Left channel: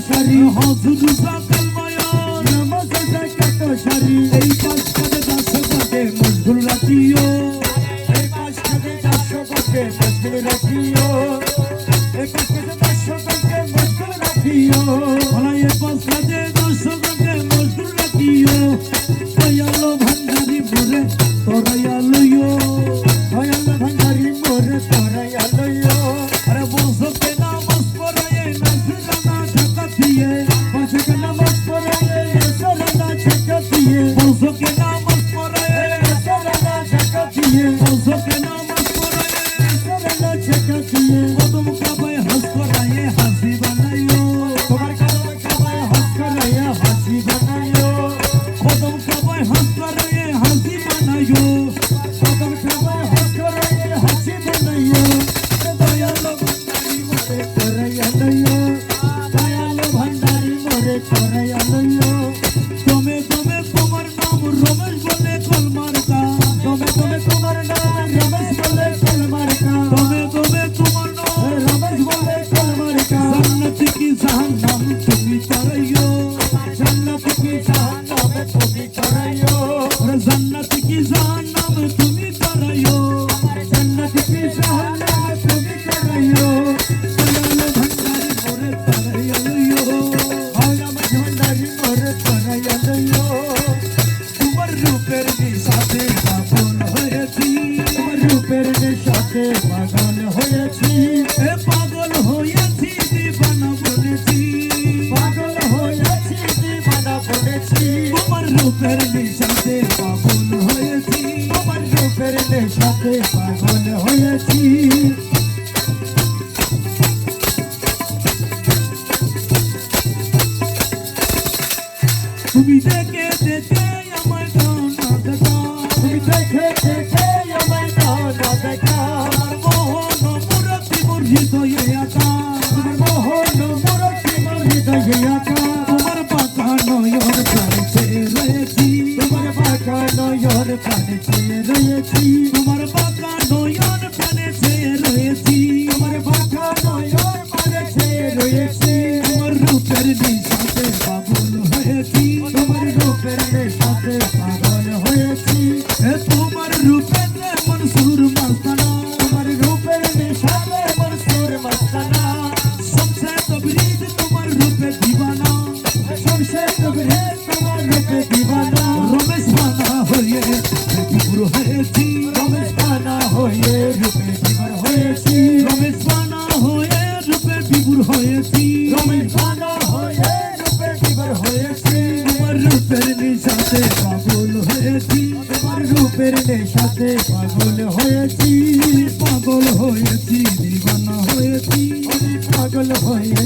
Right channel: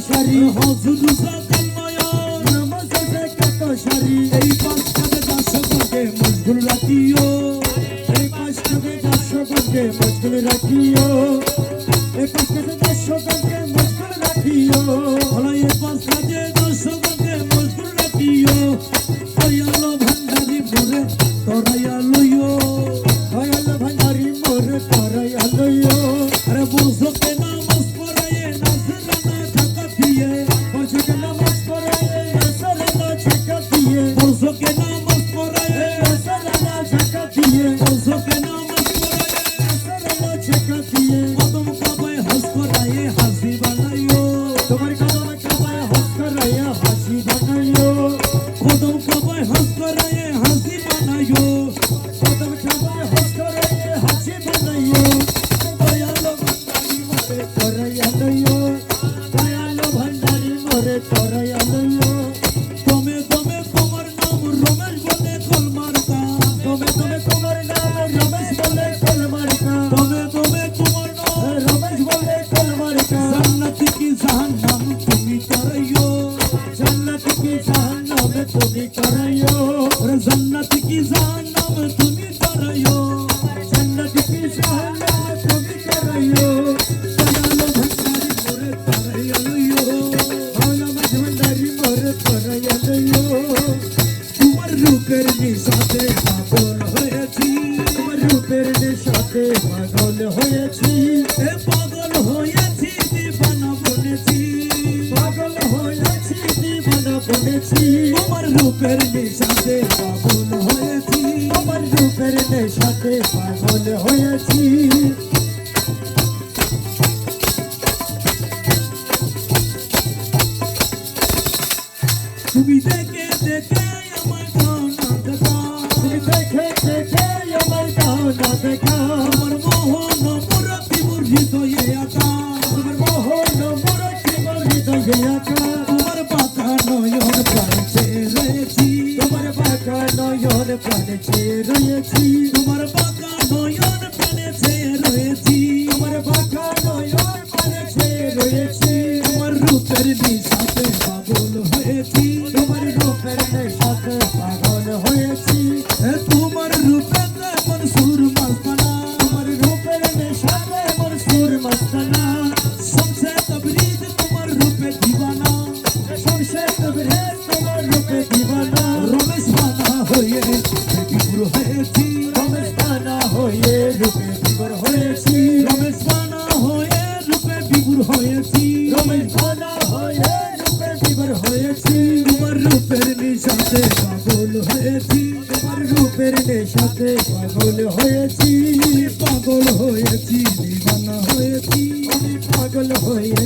সারি হজুর সাথে মায়া নামাজ আছে কত সারি এই পাঁচটাকে 10 টাকে মজদুর রাখিও এই পাঁচটাকে 10 টাকে মজদুর রাখিও এই পাঁচটাকে 10 টাকে মজদুর রাখিও ভোলা এই পাঁচটাকে 10 টাকে মজদুর রাখিও দয়ালো ভান্ডারি মোরে তোরাইয়া লইও দয়ালো ভান্ডারি মোরে তোরাইয়া লইও আরে বুঝো কে নামাজ পড়ায়ে নাজরানা ঢাকা দিয়ে পাঁচকে নামাজ পড়ায়ে নাজরানা ঢাকা দিয়ে বুঝো কে নামাজ পড়ায়ে নাজরানা ঢাকা দিয়ে বুঝো কে নামাজ পড়ায়ে নাজরানা ঢাকা দিয়ে কদম কাবায় হজ করায়ে হাজি বানাইও তোমার কদম কাবায় হজ করায়ে হাজি বানাইও কদম কাবায় হজ করায়ে হাজি বানাইও কদম কাবায় হজ করায়ে হাজি বানাইও দয়ালো ভান্ডারি মোরে তোরাইয়া লইও দয়ালো ভান্ডারি মোরে তোরাইয়া লইও তুমি তোমার নাম রমেশ বলে কলমার্কা তুমি তোমার নাম রমেশ বলে কলমার্কা তুমি তোমার নাম রমেশ বলে কলমার্কা জান্নাত কি জাহান্নাম তুমি করাইও জান্নাত কি জাহান্নাম তুমি করাইও জান্নাত কি জাহান্নাম তুমি করাইও জান্নাত কি জাহান্নাম তুমি করাইও দয়ালো ভান্ডারি মোরে তোরাইয়া লইও তোমার রূপের নিশাতে পাগল হয়েছি তোমার রূপের নিশাতে পাগল হয়েছি এ পাগল হয়েছি দিবানা বলেছি পাগল হয়েছি দিবানা বলেছি তোমার রূপের নিশাতে পাগল হয়েছি তোমার রূপের নিশাতে পাগল হয়েছি তুমি দেখে দেখে আমায় দাও না দেখা তুমি দেখে দেখে আমায় দাও না দেখা আমার মোহন মুরতি মোর হৃদয়ে আকা আমার মোহন মুরতি মোর হৃদয়ে আকা তোমার বাঁকা নয়ন প্রাণে চেয়ে রয়েছি তোমার বাঁকা নয়ন প্রাণে চেয়ে রয়েছি তোমার বাঁকা নয়ন প্রাণে চেয়ে রয়েছি তোমার বাঁকা নয়ন প্রাণে চেয়ে রয়েছি তোমার রূপের নিশাতে পাগল হয়েছি তোমার রূপের নেশাতে পাগল হয়েছি তোমার রূপের মনসুর মস্তানা তোমার রূপের নেশাতে মনসুর মস্তানা সবসে তবরিজ তোমার রূপে দিবানা সবসে তবরিজ তোমার রূপে দিবানা রমেশ বানা হয়ে বিপুর হয়েছি রমেশ বানা হয়ে রূপে বিপুর হয়েছি রমেশ বানা হয়ে রূপে বিপুর হয়েছি রমেশ বানা হয়ে রূপে বিপুর হয়েছি তোমার রূপের নেশাতে পাগল হয়েছি তোমার রূপের নেশাতে পাগল হয়েছি পাগল হয়েছি দিবানা হয়েছি পাগল হয়েছি